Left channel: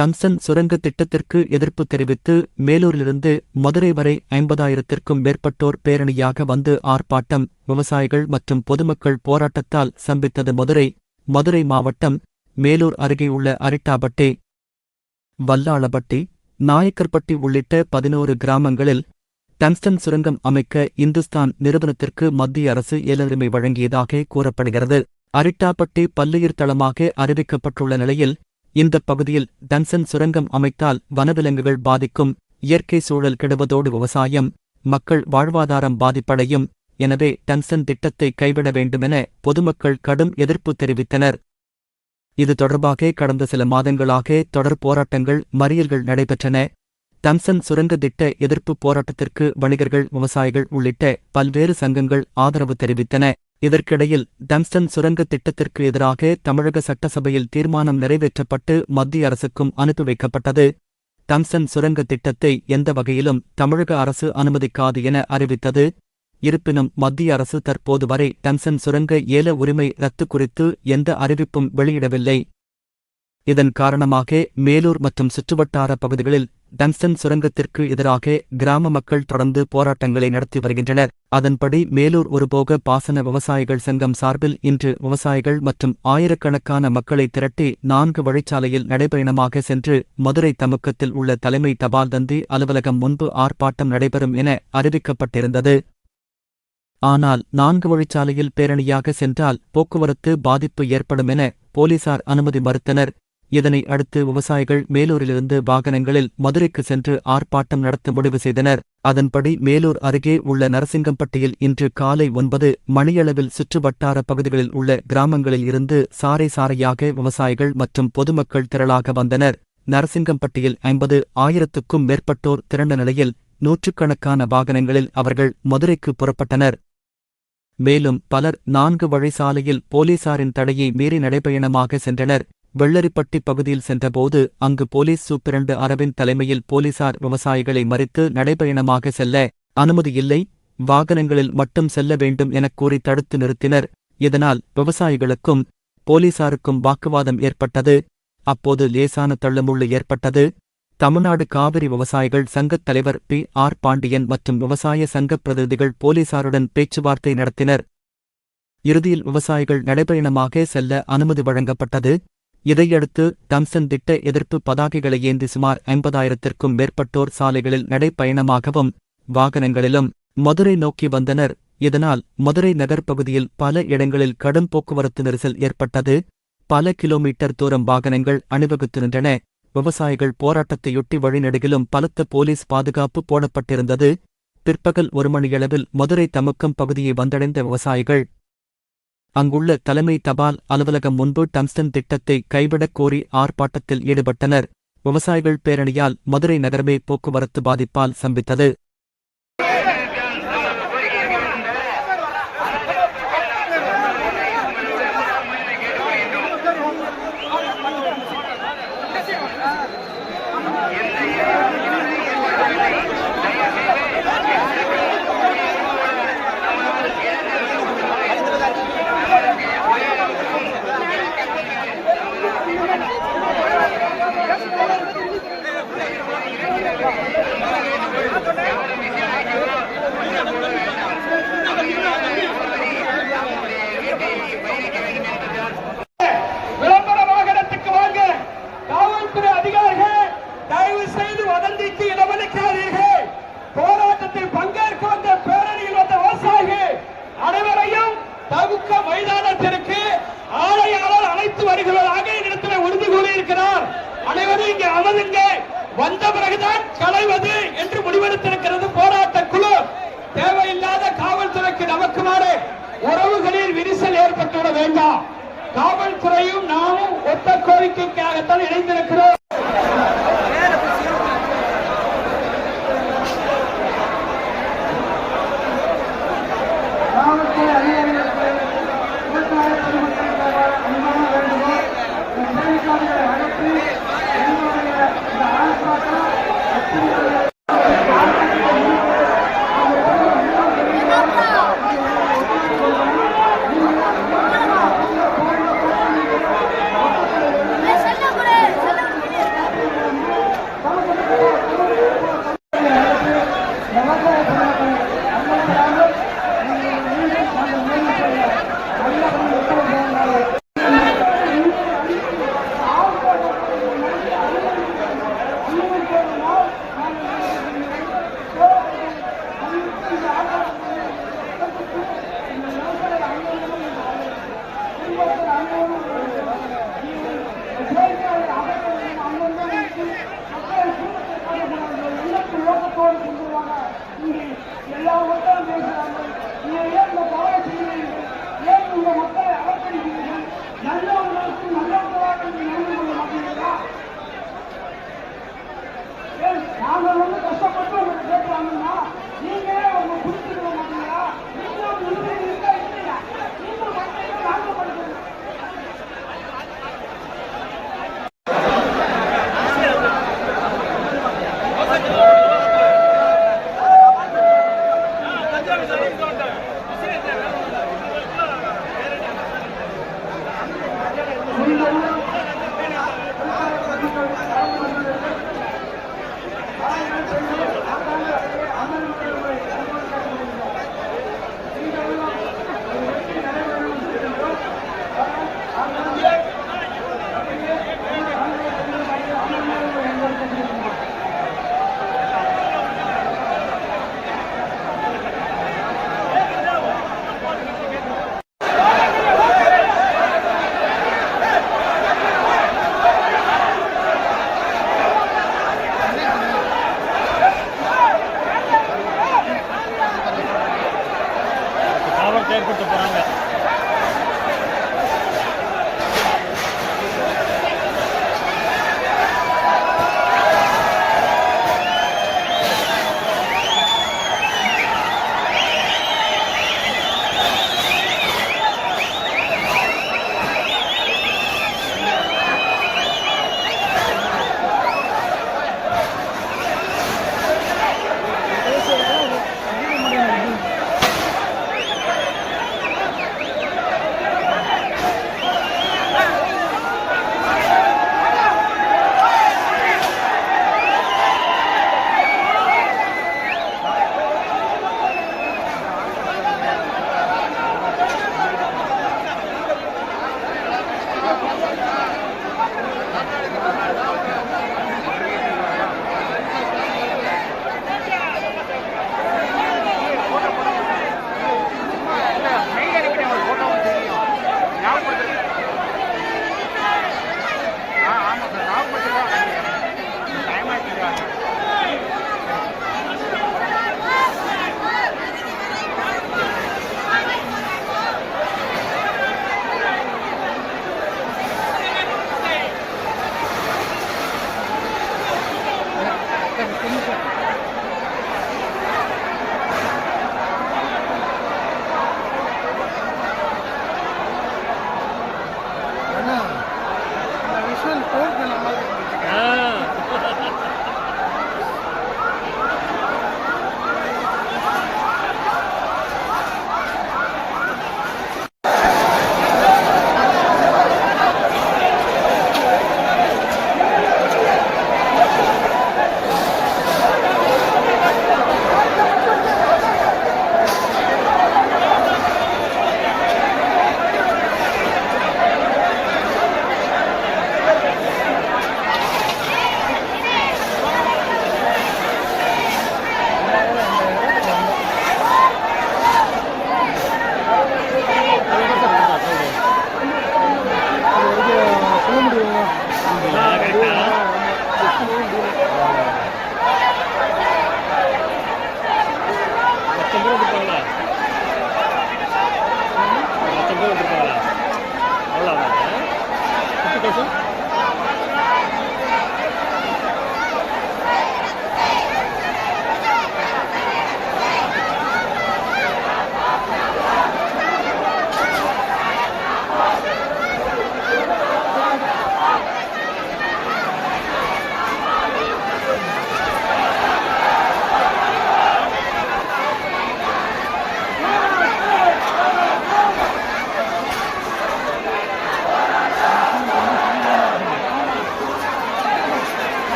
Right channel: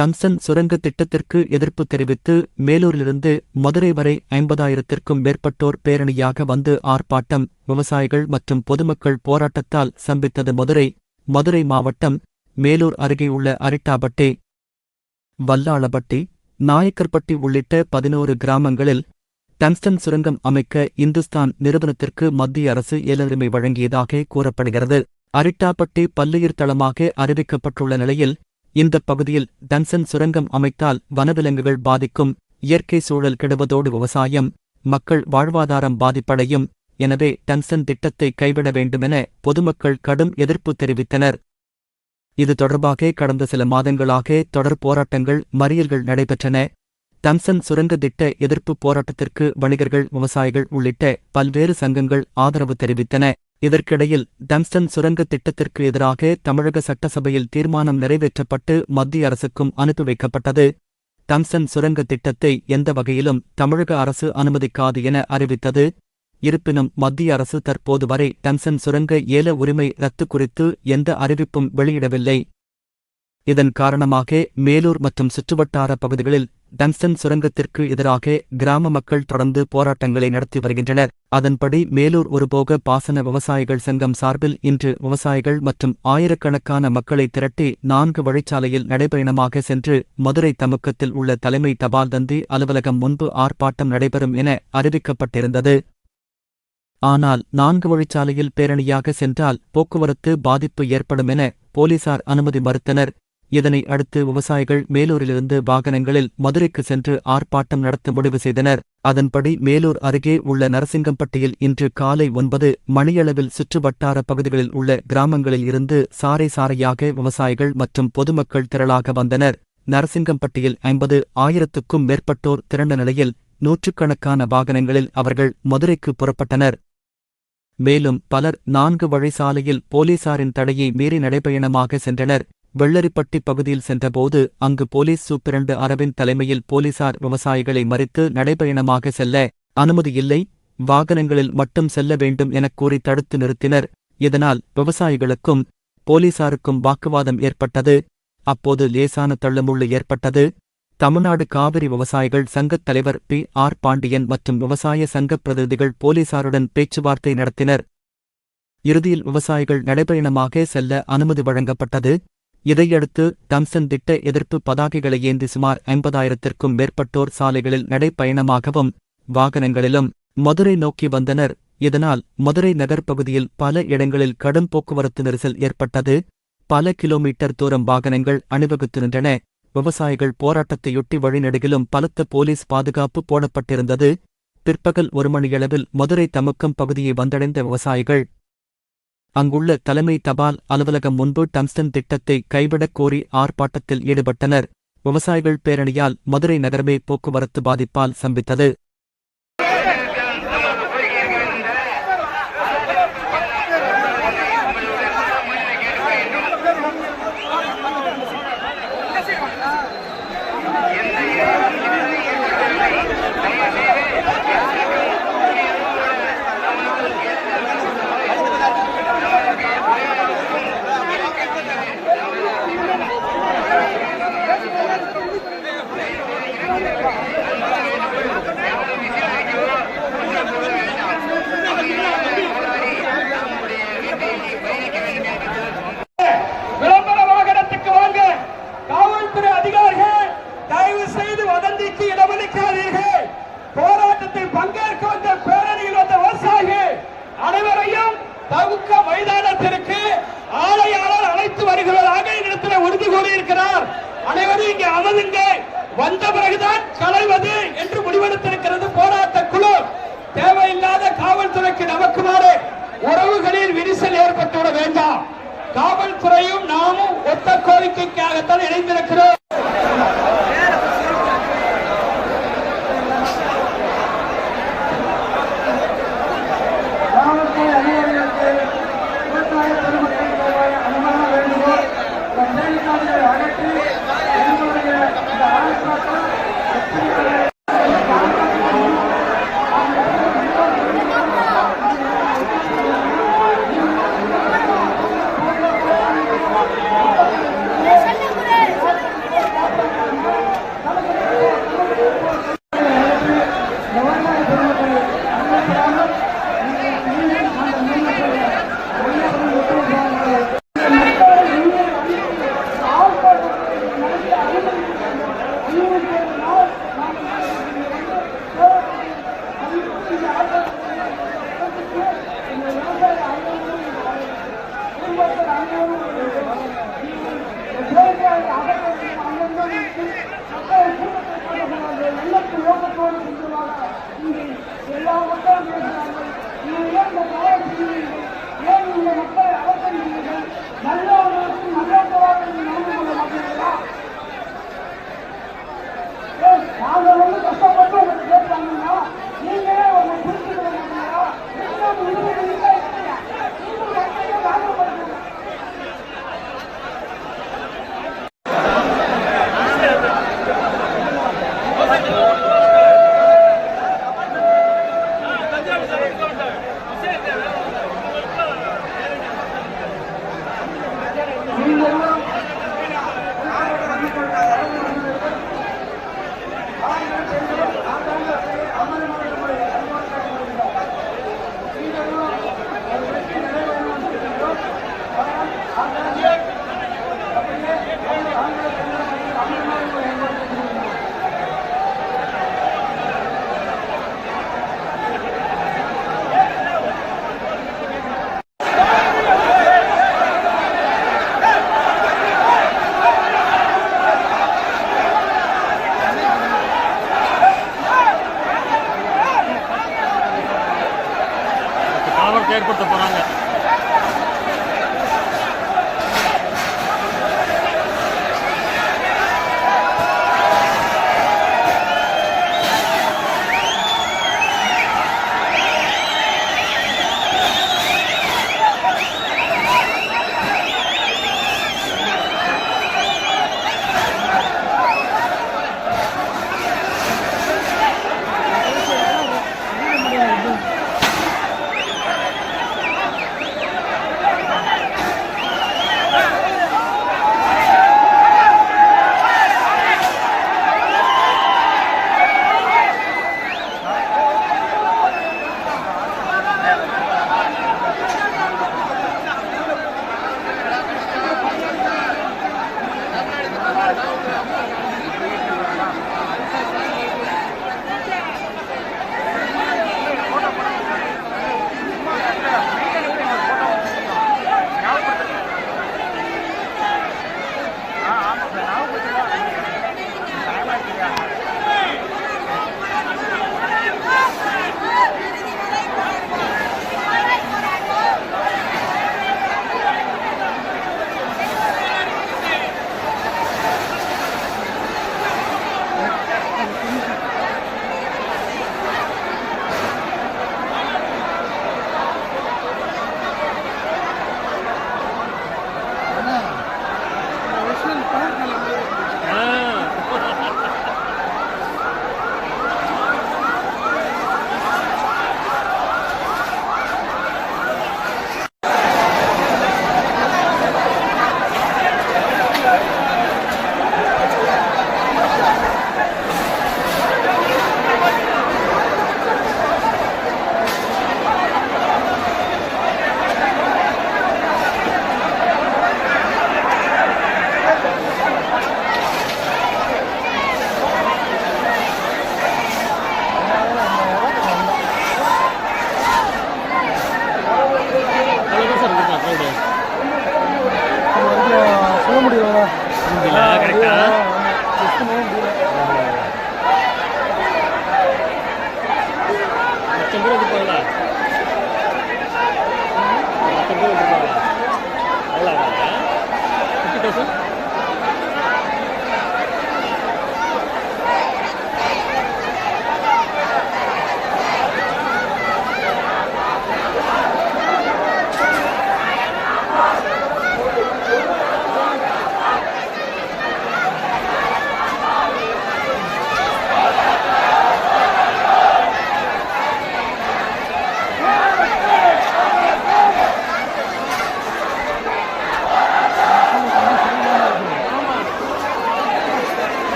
Tungsten சுரங்க திட்டத்திற்கு எதிர்ப்பு தெரிவித்து மேலூரிலிருந்து மதுரை வரை 50,000த்திற்கும் மேற்பட்டோர் பேரணியாக வந்து ஆர்ப்பாட்டம். விவசாயிகள் மற்றும் பொதுமக்கள் போராட்டத்தால் ஸ்தம்பித்தது மதுரை மாவட்டம் மேலூர் அருகே உள்ள அரிட்டாபட்டி, வல்லாளப்பட்டி, நாயக்கர்பட்டி உள்ளிட்ட 11 கிராமங்களில் டங்ஸ்டன் சுரங்கம் அமைக்க இந்துஸ்தான் நிறுவனத்திற்கு மத்திய அரசு ஏலுரிமை வழங்கியதாக கூறப்படுகிறது. அரிட்டாபட்டி பல்லுயிர் தளமாக அறிவிக்கப்பட்டுள்ள நிலையில் இந்தப் பகுதியில் டங்ஸ்டன் சுரங்கம் அமைத்தால் வனவிலங்குகள் பாதிக்கும், இயற்கை சூழல் கெடுவதோடு விவசாயம், மக்கள் வாழ்வாதாரம் பாதிப்படையும். எனவே டங்ஸ்டன் திட்டத்தை கைவிட வேண்டுமென பொதுமக்கள் கடும் எதிர்ப்பு தெரிவித்தனர். இது தொடர்பாக கடந்த சில மாதங்களாக தொடர் போராட்டங்கள், மறியல்கள் நடைபெற்றன. டங்ஸ்டன் சுரங்க திட்ட எதிர்ப்பு போராட்டத்திற்கு வணிகர்கள், விவசாயிகள் உள்ளிட்ட பல்வேறு சங்கங்கள் ஆதரவு தெரிவித்தன. இதற்கிடையில் டங்ஸ்டன் சுரங்க திட்டத்திற்கு எதிராக தமிழக சட்டசபையில் தீர்மானம் நிறைவேற்றப்பட்டு மத்திய அரசுக்கும் அனுப்பி வைக்கப்பட்டது. டங்ஸ்டன் சுரங்க திட்டத்தை எந்த வகையிலும் தமிழக அரசு அனுமதிக்காது என அறிவித்தது. இருப்பினும் மத்திய அரசு தற்போது வரை டங்ஸ்டன் சுரங்க ஏல உரிமை ரத்து குறித்து எந்த அறிவிப்பும் வெளியிடவில்லை. இதன் காரணமாக மேலூர் மற்றும் சுற்றுவட்டார பகுதிகளில் டங்ஸ்டன் சுரங்கத்திற்கு எதிராக கிராம மக்கள் தொடர்ந்து போராட்டங்களை நடத்தி வருகின்றனர். அதன்படி மேலூர் ஒருபோக பாசன விவசாயிகள் சங்கம் சார்பில் இன்று விவசாயிகள் மற்றும் ஆயிரக்கணக்கான மக்களை திரட்டி 4 வழிச்சாலையில் நடைபயணமாக சென்று மதுரை தமுக்கத்தில் உள்ள தலைமை தபால் தந்தி அலுவலகம் முன்பு ஆர்ப்பாட்டம் நடைபெறும் என அறிவிக்கப்பட்டிருந்தது. ஆனால் 4 வழிச்சாலையில் பேரணியாக சென்றால் போக்குவரத்து பாதிப்பு ஏற்படும் என போலீசார் அனுமதி மறுத்தனர். இதனை அடுத்து விவசாயிகள் மேலூரிலிருந்து வாகனங்களில் மதுரைக்கு சென்று ஆர்ப்பாட்டம் நடத்த முடிவு செய்தனர். அதன்படி மேலூர் அருகே உள்ள நரசிங்கம்பட்டியில் இன்று காலை 9 மணியளவில் சுற்றுவட்டார பகுதிகளில் உள்ள கிராமங்களில் இருந்து சாறை சாறையாக விவசாயிகள் மற்றும் பொதுமக்கள் திரளாக வந்தனர். நரசிங்கம்பட்டியில் 50,000க்கும் மேற்பட்டோர் திரண்ட நிலையில் நூற்றுக்கணக்கான வாகனங்களில் அவர்கள் மதுரைக்கு புறப்பட்டனர். மேலும் பலர் 4 வழி சாலையில் போலீசாரின் தடையை மீறி நடைபயணமாக சென்றனர். வெள்ளரிப்பட்டி பகுதியில் சென்றபோது அங்கு போலீஸ் சூப்பிரண்டு அரவிந்த் தலைமையில் போலீசார் விவசாயிகளை மறித்து நடைபயணமாக செல்ல அனுமதியில்லை, வாகனங்களில் மட்டும் செல்ல வேண்டும் எனக் கூறி தடுத்து நிறுத்தினர். இதனால் விவசாயிகளுக்கும் போலீசாருக்கும் வாக்குவாதம் ஏற்பட்டது. அப்போது லேசான தள்ளுமுள்ளு ஏற்பட்டது. தமிழ்நாடு காவிரி விவசாயிகள் சங்கத் தலைவர் P.R. பாண்டியன் மற்றும் விவசாய சங்கப் பிரதிநிதிகள் போலீசாருடன் பேச்சுவார்த்தை நடத்தினர். இறுதியில் விவசாயிகள் நடைபயணமாக செல்ல அனுமதி வழங்கப்பட்டது. இதையடுத்து டங்ஸ்டன் திட்ட எதிர்ப்பு பதாகைகளை ஏந்தி சுமார் 50,000த்திற்கும் மேற்பட்டோர் சாலைகளில் நடைபயணமாகவும் வாகனங்களிலும் மதுரை நோக்கி வந்தனர். இதனால் மதுரை நகர் பகுதியில் பல இடங்களில் கடும் போக்குவரத்து நெரிசல் ஏற்பட்டது. பல கிலோமீட்டர் தூரம் வாகனங்கள் அணிவகுத்து நின்றன. விவசாயிகள் போராட்டத்தையொட்டி வழிநெடுகிலும் பலத்த போலீஸ் பாதுகாப்பு போடப்பட்டிருந்தது. பிற்பகல் 1 மணியளவில் மதுரை தமுக்கம் பகுதியை வந்தடைந்த விவசாயிகள் அங்குள்ள தலைமை தபால் அலுவலகம் முன்பு டங்ஸ்டன் திட்டத்தை கைவிடக் கோரி ஆர்ப்பாட்டத்தில் ஈடுபட்டனர். விவசாயிகள் பேரணியால் மதுரை நகரமே போக்குவரத்து பாதிப்பால் ஸ்தம்பித்தது. விளம்பர வாகனத்துக்கு வாங்க. காவல்துறை அதிகாரிகள் தயவு செய்து வதந்திக்கு இடமளிக்காதீர்கள். போராட்டத்தில் பங்கேற்க வந்த பேரணியில் வந்த விவசாயிகள் அனைவரையும் தமுக்க மைதானத்திற்கு ஆணையாளர் அழைத்து வருகிறதாக இடத்தில் உறுதி கூறியிருக்கிறார். அனைவரும் இங்கே அமருங்க, வந்த பிறகுதான் களைவது என்று முடிவெடுத்திருக்கிறது போராட்ட குழு. தேவையில்லாத காவல்துறைக்கு நமக்குமாறு உறவுகளில் விரிசல் ஏற்பட்டுவிட வேண்டாம். காவல்துறையும் நாமும் ஒத்த கோரிக்கைக்காகத்தான் இணைந்திருக்கிறோம். காவல்துறை அதிகாரிகளுக்கு விவசாய பொதுமக்களுக்காக அனுமதி வேண்டுகோள். அகற்றி என்னுடைய இந்த ஆர்ப்பாட்டம் தோடு செஞ்சிருவாங்க. இங்கே எல்லா மக்களும் பேசுறாங்க. நீங்கள் ஏன் இந்த தவறை செய்கிறீர்கள்? ஏன் இந்த மக்களை அவசரிக்கிறீர்கள்? நல்லவர்களுக்கு நல்லவர்களாக நீங்கள் நடந்து கொள்ள மாட்டீர்களா? ஏன் நாங்கள் வந்து கஷ்டப்பட்டு உங்களுக்கு கேட்பாங்கன்னா நீங்களே உங்க புரிஞ்சுக்கொள்ள மாட்டீங்களா? நீங்கள் இல்லையா? நீங்கள் மக்களை நாகப்படுத்துங்க. கலவரத்தை ஏற்படுத்த போறாங்க.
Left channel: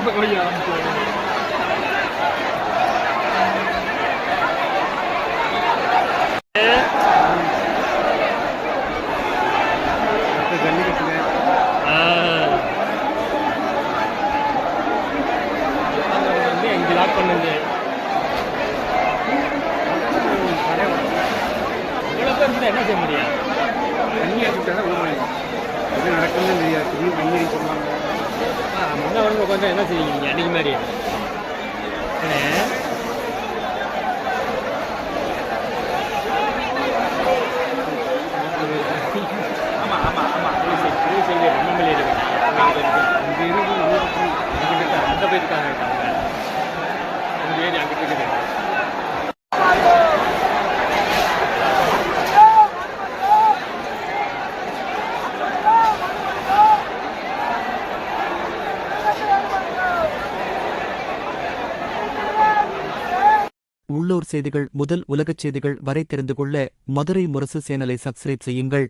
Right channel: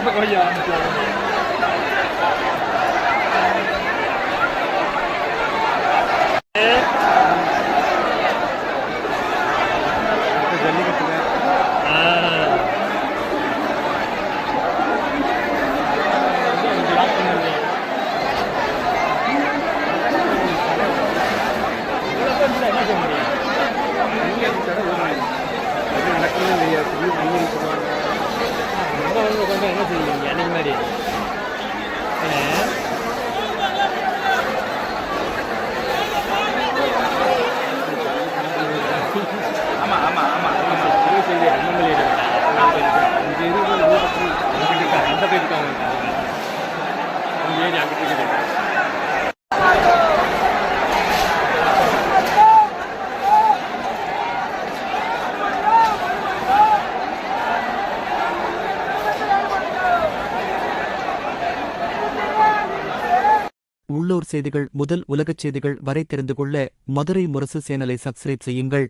ரொம்ப கவனிக்க ஆரம்பிச்சாங்க. என்ன செய்ய முடியும்? என்ன வந்து உட்காந்து என்ன செய்வீங்க அன்னைக்கு மாதிரி? அந்த போயிருக்காங்க அவங்க ஏறி அங்கிட்டு இருக்குது. உள்ளூர் செய்திகள் முதல் உலகச் செய்திகள் வரை தெரிந்து கொள்ள மதுரை முரசு சேனலை சப்ஸ்கிரைப் செய்யுங்கள்.